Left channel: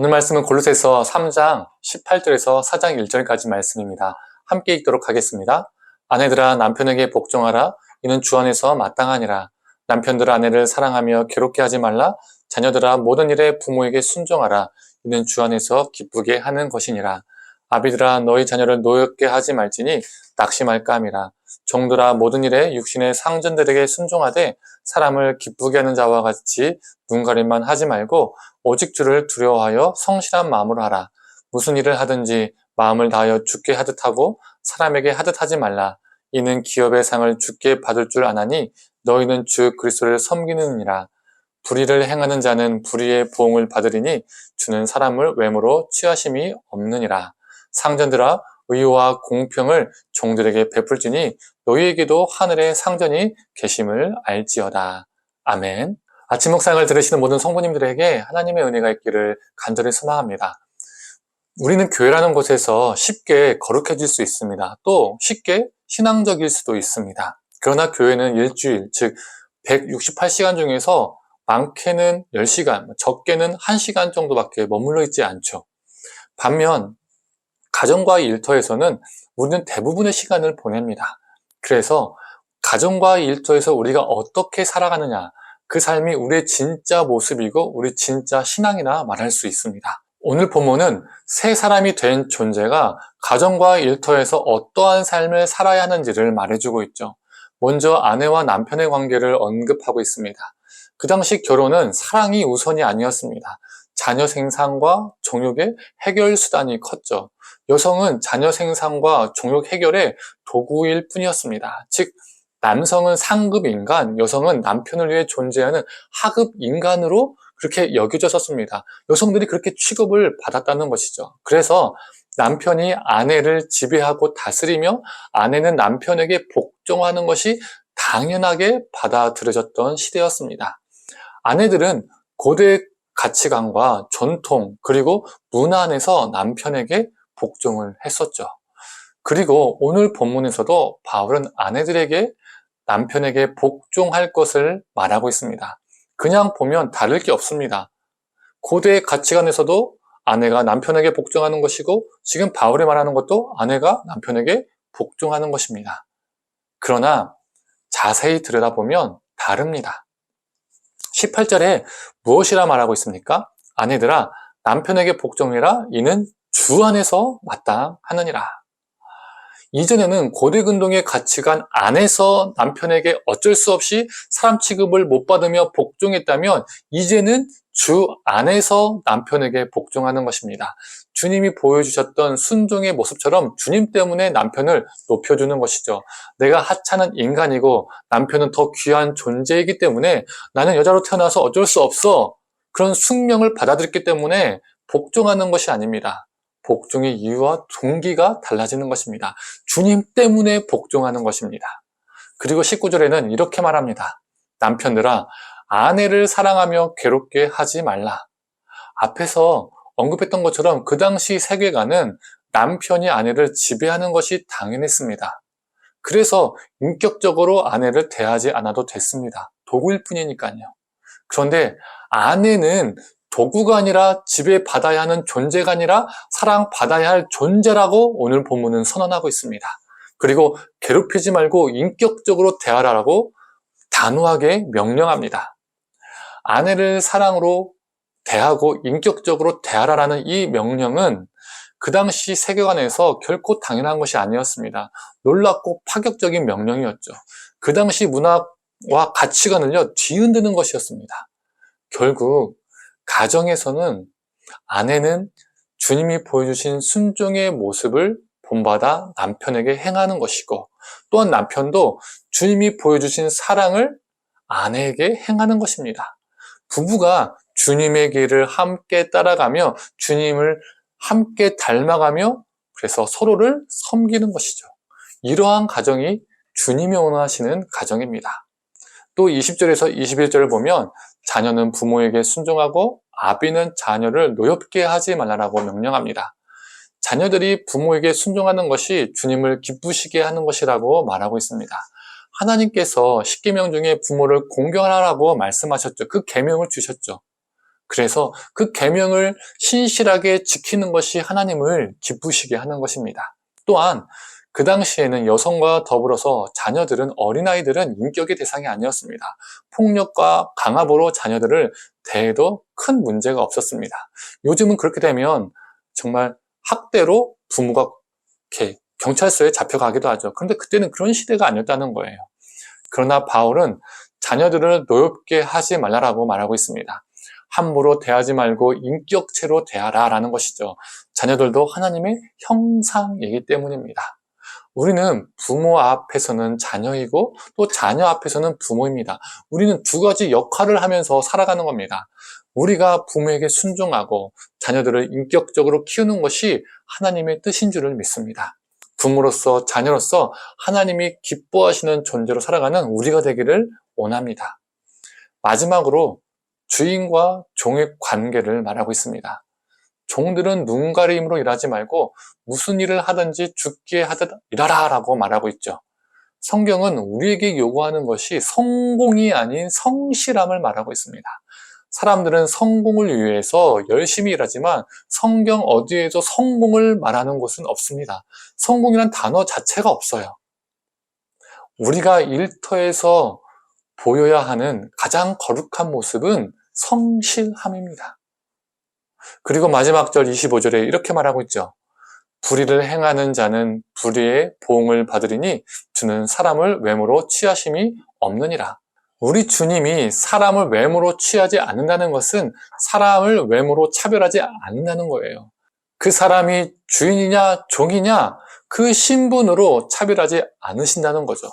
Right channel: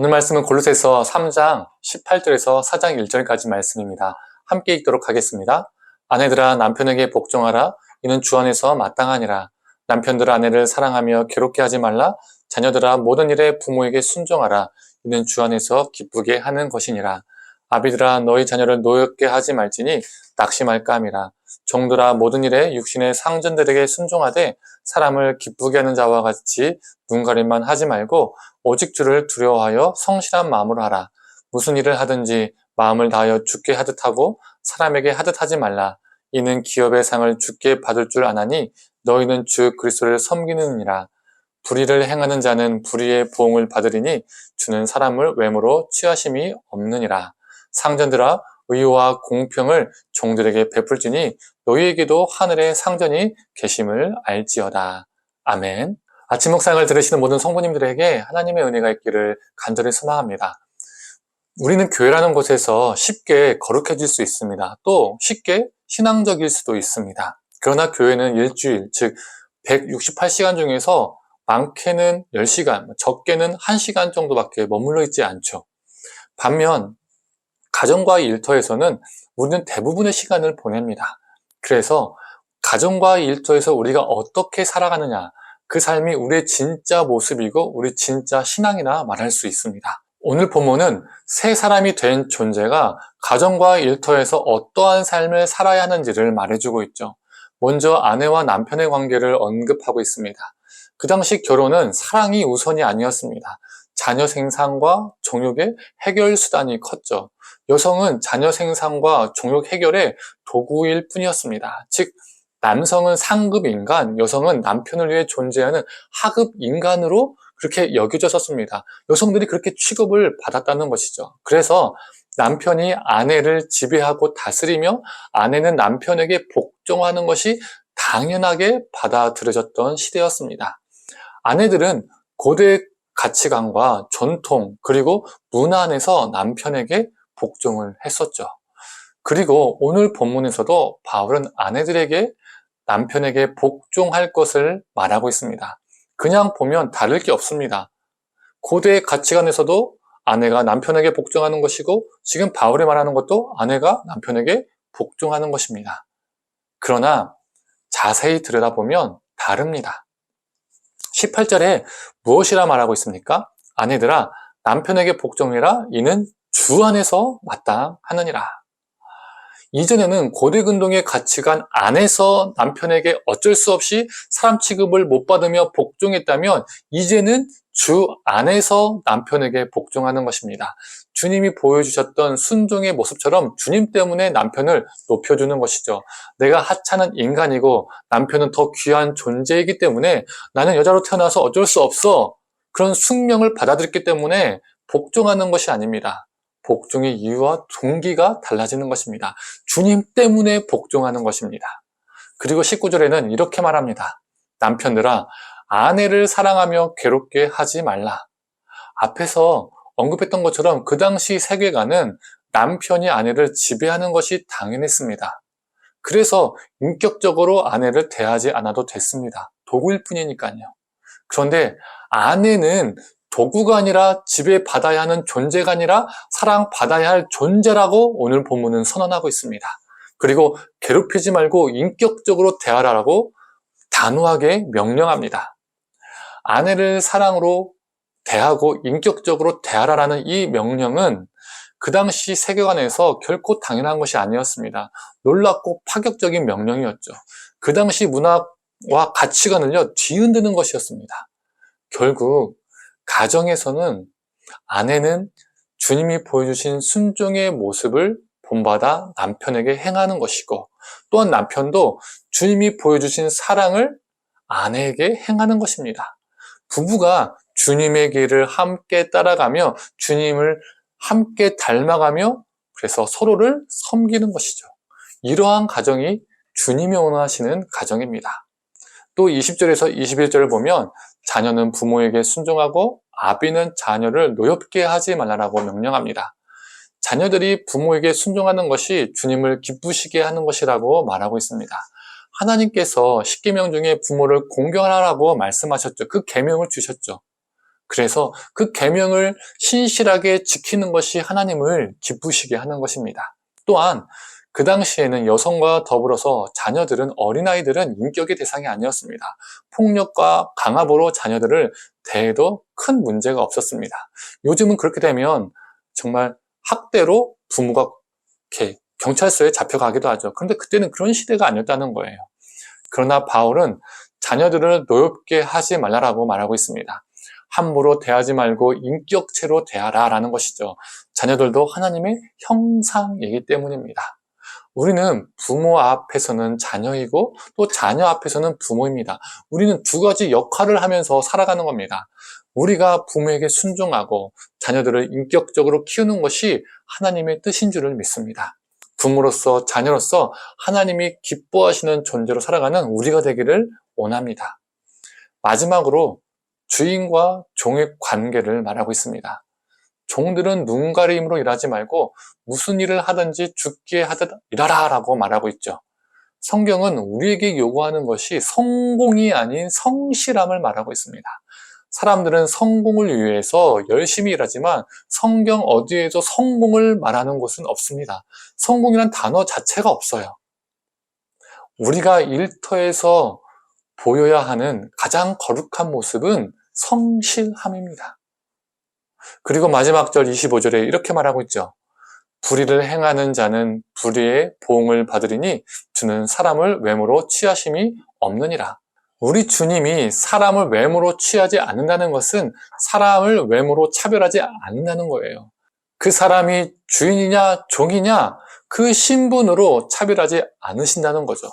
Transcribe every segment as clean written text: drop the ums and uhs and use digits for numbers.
오늘 말씀은 골로새서 3장 18절에서 4장 1절까지 말씀입니다. 함께 읽도록 하겠습니다. 아내들아 남편에게 복종하라. 이는 주 안에서 마땅하니라. 남편들아 아내를 사랑하며 괴롭게 하지 말라. 자녀들아 모든 일에 부모에게 순종하라. 이는 주 안에서 기쁘게 하는 것이니라. 아비들아 너희 자녀를 노엽게 하지 말지니 낙심할까 함이라. 종들아 모든 일에 육신의 상전들에게 순종하되 사람을 기쁘게 하는 자와 같이 눈가림만 하지 말고 오직 주를 두려워하여 성실한 마음으로 하라. 무슨 일을 하든지 마음을 다하여 주께 하듯 하고 사람에게 하듯 하지 말라. 이는 기업의 상을 주께 받을 줄 아나니 너희는 주 그리스도를 섬기느니라. 불의를 행하는 자는 불의의 보응을 받으리니 주는 사람을 외모로 취하심이 없느니라. 상전들아 의와 공평을 종들에게 베풀지니 너희에게도 하늘에 상전이 계심을 알지어다. 아멘. 아침 묵상을 들으시는 모든 성도님들에게 하나님의 은혜가 있기를 간절히 소망합니다. 우리는 교회라는 곳에서 쉽게 거룩해질 수 있습니다. 또 쉽게 신앙적일 수도 있습니다. 그러나 교회는 일주일, 즉 168시간 중에서 많게는 10시간, 적게는 1시간 정도밖에 머물러 있지 않죠. 반면 가정과의 일터에서는 우리는 대부분의 시간을 보냅니다. 그래서 가정과의 일터에서 우리가 어떻게 살아가느냐, 그 삶이 우리의 진짜 모습이고 우리 진짜 신앙이나 말할 수 있습니다. 오늘 본문은 새 사람이 된 존재가 가정과의 일터에서 어떠한 삶을 살아야 하는지를 말해주고 있죠. 먼저 아내와 남편의 관계를 언급하고 있습니다. 그 당시 결혼은 사랑이 우선이 아니었습니다. 자녀 생산과 종육의 해결 수단이 컸죠. 여성은 자녀 생산과 종육 해결의 도구일 뿐이었습니다. 즉 남성은 상급 인간, 여성은 남편을 위해 존재하는 하급 인간으로 그렇게 여겨졌었습니다. 여성들이 그렇게 취급을 받았다는 것이죠. 그래서 남편이 아내를 지배하고 다스리며 아내는 남편에게 복종하는 것이 당연하게 받아들여졌던 시대였습니다. 아내들은 고대 가치관과 전통 그리고 문화 안에서 남편에게 복종을 했었죠. 그리고 오늘 본문에서도 바울은 아내들에게 남편에게 복종할 것을 말하고 있습니다. 그냥 보면 다를 게 없습니다. 고대 가치관에서도 아내가 남편에게 복종하는 것이고 지금 바울이 말하는 것도 아내가 남편에게 복종하는 것입니다. 그러나 자세히 들여다보면 다릅니다. 18절에 무엇이라 말하고 있습니까? 아내들아 남편에게 복종해라. 이는 주 안에서 마땅하느니라. 이전에는 고대 근동의 가치관 안에서 남편에게 어쩔 수 없이 사람 취급을 못 받으며 복종했다면 이제는 주 안에서 남편에게 복종하는 것입니다. 주님이 보여주셨던 순종의 모습처럼 주님 때문에 남편을 높여주는 것이죠. 내가 하찮은 인간이고 남편은 더 귀한 존재이기 때문에 나는 여자로 태어나서 어쩔 수 없어. 그런 숙명을 받아들였기 때문에 복종하는 것이 아닙니다. 복종의 이유와 동기가 달라지는 것입니다. 주님 때문에 복종하는 것입니다. 그리고 19절에는 이렇게 말합니다. 남편들아 아내를 사랑하며 괴롭게 하지 말라. 앞에서 언급했던 것처럼 그 당시 세계관은 남편이 아내를 지배하는 것이 당연했습니다. 그래서 인격적으로 아내를 대하지 않아도 됐습니다. 도구일 뿐이니까요. 그런데 아내는 도구가 아니라 지배받아야 하는 존재가 아니라 사랑받아야 할 존재라고 오늘 본문은 선언하고 있습니다. 그리고 괴롭히지 말고 인격적으로 대하라고 단호하게 명령합니다. 아내를 사랑으로 대하고 인격적으로 대하라라는 이 명령은 그 당시 세계관에서 결코 당연한 것이 아니었습니다. 놀랍고 파격적인 명령이었죠. 그 당시 문화와 가치관을요 뒤흔드는 것이었습니다. 결국 가정에서는 아내는 주님이 보여주신 순종의 모습을 본받아 남편에게 행하는 것이고 또한 남편도 주님이 보여주신 사랑을 아내에게 행하는 것입니다. 부부가 주님의 길을 함께 따라가며 주님을 함께 닮아가며 그래서 서로를 섬기는 것이죠. 이러한 가정이 주님이 원하시는 가정입니다. 또 20절에서 21절을 보면 자녀는 부모에게 순종하고 아비는 자녀를 노엽게 하지 말라라고 명령합니다. 자녀들이 부모에게 순종하는 것이 주님을 기쁘시게 하는 것이라고 말하고 있습니다. 하나님께서 10계명 중에 부모를 공경하라고 말씀하셨죠. 그 계명을 주셨죠. 그래서 그 계명을 신실하게 지키는 것이 하나님을 기쁘시게 하는 것입니다. 또한 그 당시에는 여성과 더불어서 자녀들은, 어린아이들은 인격의 대상이 아니었습니다. 폭력과 강압으로 자녀들을 대해도 큰 문제가 없었습니다. 요즘은 그렇게 되면 정말 학대로 부모가 이렇게 경찰서에 잡혀가기도 하죠. 그런데 그때는 그런 시대가 아니었다는 거예요. 그러나 바울은 자녀들을 노엽게 하지 말라라고 말하고 있습니다. 함부로 대하지 말고 인격체로 대하라 라는 것이죠. 자녀들도 하나님의 형상이기 때문입니다. 우리는 부모 앞에서는 자녀이고 또 자녀 앞에서는 부모입니다. 우리는 두 가지 역할을 하면서 살아가는 겁니다. 우리가 부모에게 순종하고 자녀들을 인격적으로 키우는 것이 하나님의 뜻인 줄을 믿습니다. 부모로서 자녀로서 하나님이 기뻐하시는 존재로 살아가는 우리가 되기를 원합니다. 마지막으로 주인과 종의 관계를 말하고 있습니다. 종들은 눈가림으로 일하지 말고 무슨 일을 하든지 죽게 하듯 일하라 라고 말하고 있죠. 성경은 우리에게 요구하는 것이 성공이 아닌 성실함을 말하고 있습니다. 사람들은 성공을 위해서 열심히 일하지만 성경 어디에도 성공을 말하는 곳은 없습니다. 성공이란 단어 자체가 없어요. 우리가 일터에서 보여야 하는 가장 거룩한 모습은 성실함입니다. 그리고 마지막 절 25절에 이렇게 말하고 있죠. 불의를 행하는 자는 불의의 보응을 받으리니 주는 사람을 외모로 취하심이 없느니라. 우리 주님이 사람을 외모로 취하지 않는다는 것은 사람을 외모로 차별하지 않는다는 거예요. 그 사람이 주인이냐 종이냐 그 신분으로 차별하지 않으신다는 거죠.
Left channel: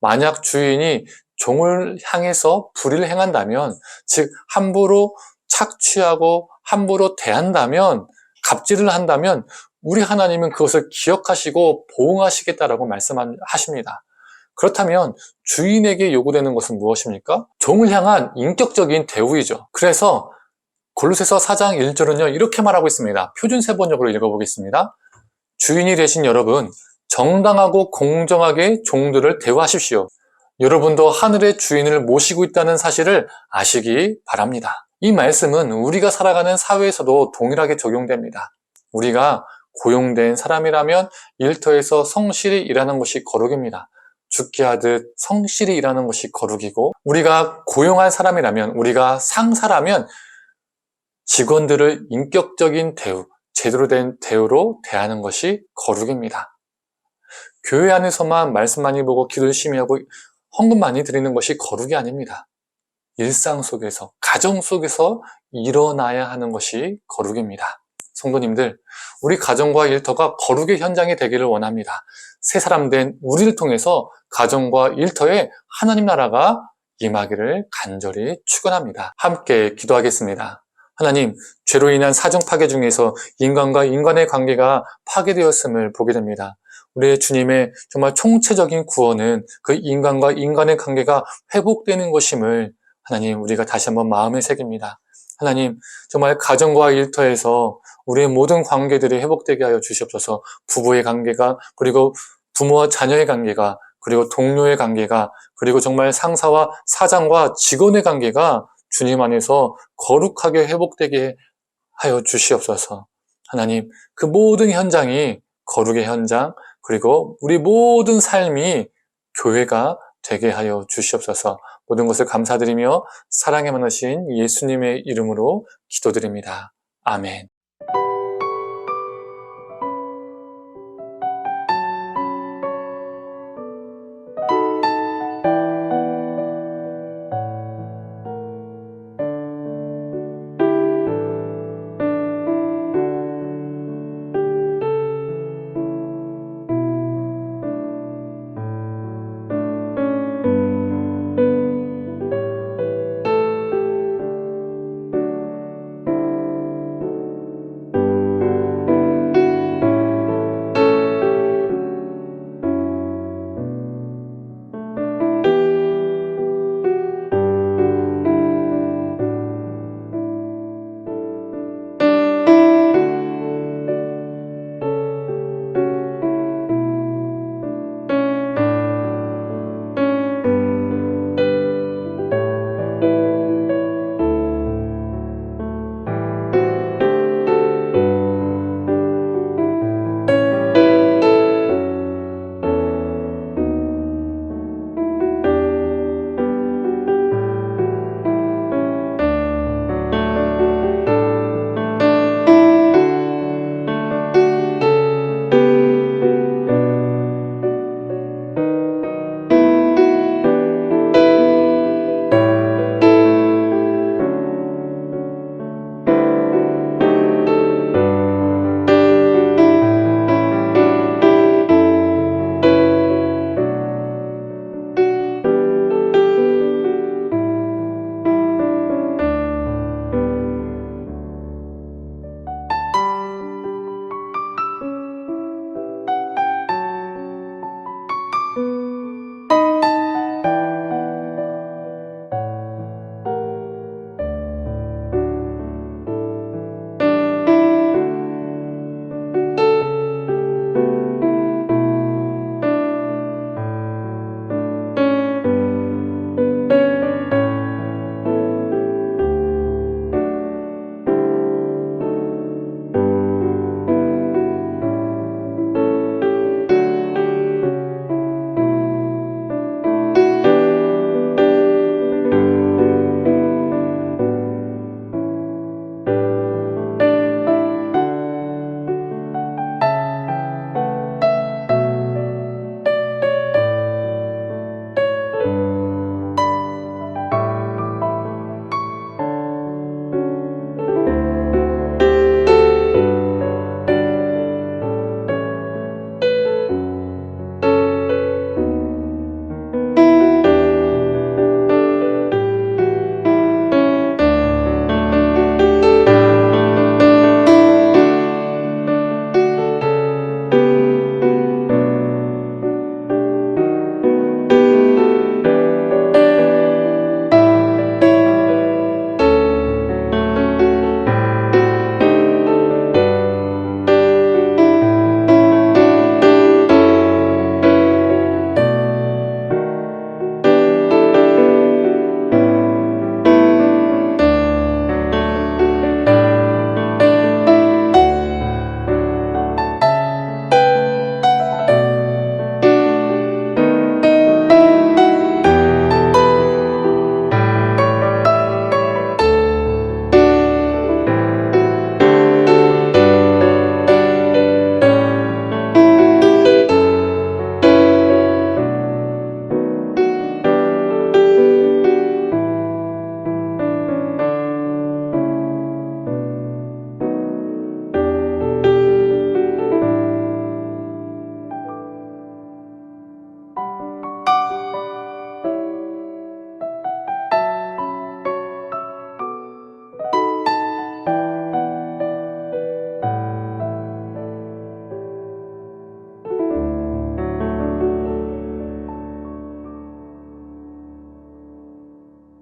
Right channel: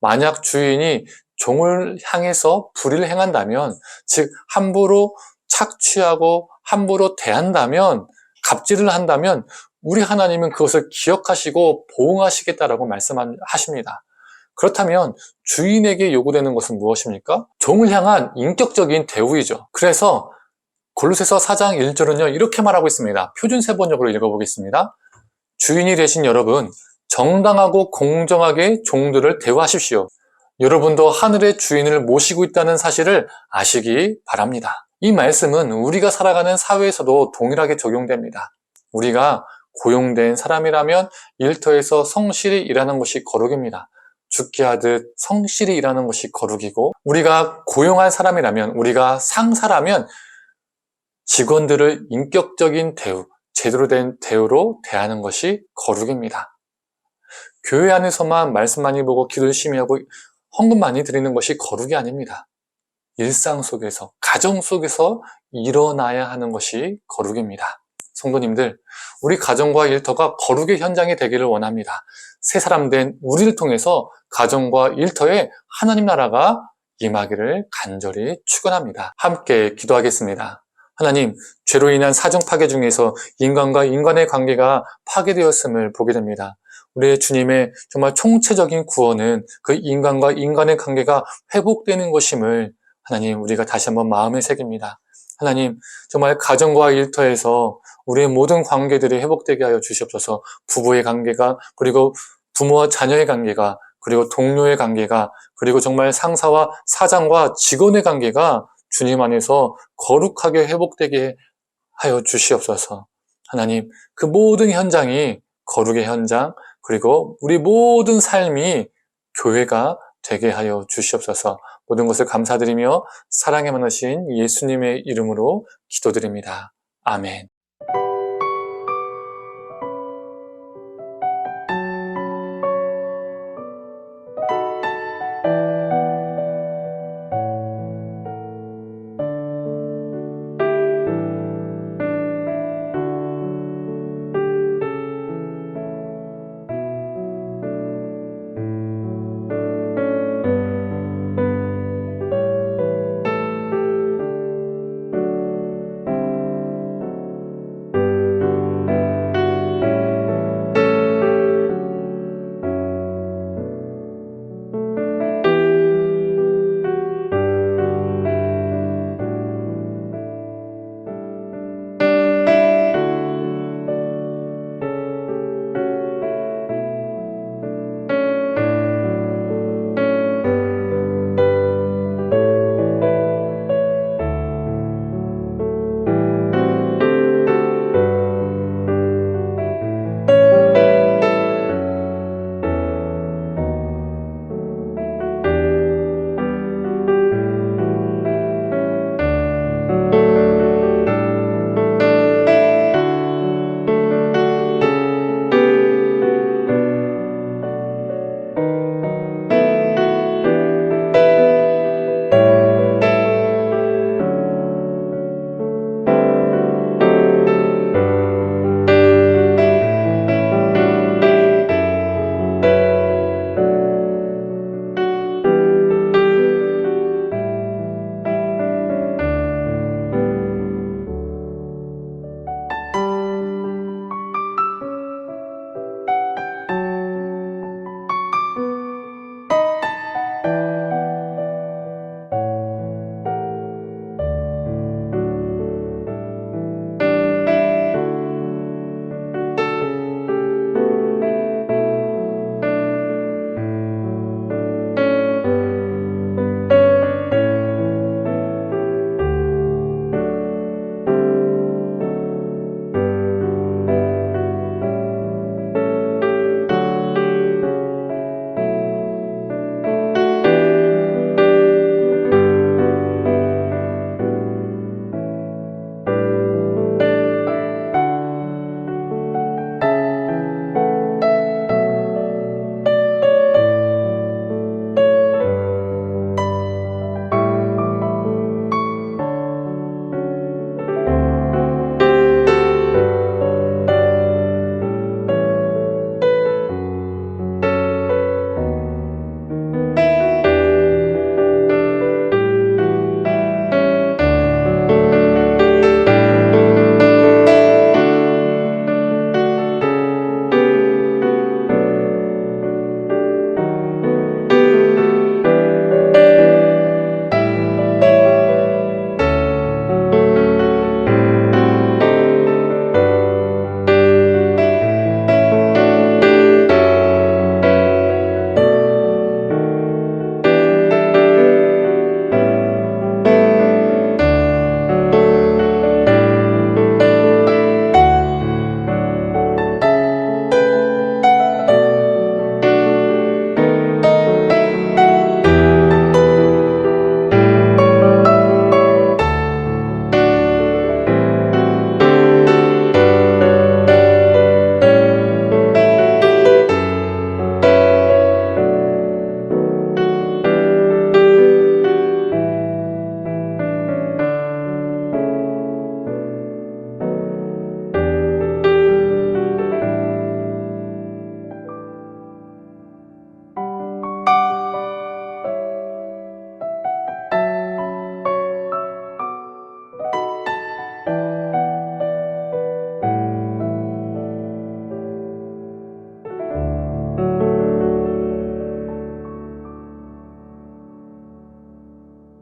만약 주인이 종을 향해서 불의를 행한다면, 즉 함부로 착취하고 함부로 대한다면, 갑질을 한다면 우리 하나님은 그것을 기억하시고 보응하시겠다라고 말씀하십니다. 그렇다면 주인에게 요구되는 것은 무엇입니까? 종을 향한 인격적인 대우이죠. 그래서 골로새서 4장 1절은요 이렇게 말하고 있습니다. 표준 세번역으로 읽어보겠습니다. 주인이 되신 여러분, 정당하고 공정하게 종들을 대우하십시오. 여러분도 하늘의 주인을 모시고 있다는 사실을 아시기 바랍니다. 이 말씀은 우리가 살아가는 사회에서도 동일하게 적용됩니다. 우리가 고용된 사람이라면 일터에서 성실히 일하는 것이 거룩입니다. 죽게 하듯 성실히 일하는 것이 거룩이고, 우리가 고용한 사람이라면, 우리가 상사라면 직원들을 인격적인 대우, 제대로 된 대우로 대하는 것이 거룩입니다. 교회 안에서만 말씀 많이 보고 기도 열심히 하고 헌금 많이 드리는 것이 거룩이 아닙니다. 일상 속에서, 가정 속에서 일어나야 하는 것이 거룩입니다. 성도님들, 우리 가정과 일터가 거룩의 현장이 되기를 원합니다. 새 사람 된 우리를 통해서 가정과 일터에 하나님 나라가 임하기를 간절히 축원합니다. 함께 기도하겠습니다. 하나님, 죄로 인한 사정 파괴 중에서 인간과 인간의 관계가 파괴되었음을 보게 됩니다. 우리의 주님의 정말 총체적인 구원은 그 인간과 인간의 관계가 회복되는 것임을 하나님, 우리가 다시 한번 마음에 새깁니다. 하나님, 정말 가정과 일터에서 우리의 모든 관계들이 회복되게 하여 주시옵소서. 부부의 관계가, 그리고 부모와 자녀의 관계가, 그리고 동료의 관계가, 그리고 정말 상사와 사장과 직원의 관계가 주님 안에서 거룩하게 회복되게 하여 주시옵소서. 하나님, 그 모든 현장이 거룩의 현장, 그리고 우리 모든 삶이 교회가 되게 하여 주시옵소서. 모든 것을 감사드리며 사랑에 많으신 예수님의 이름으로 기도드립니다. 아멘.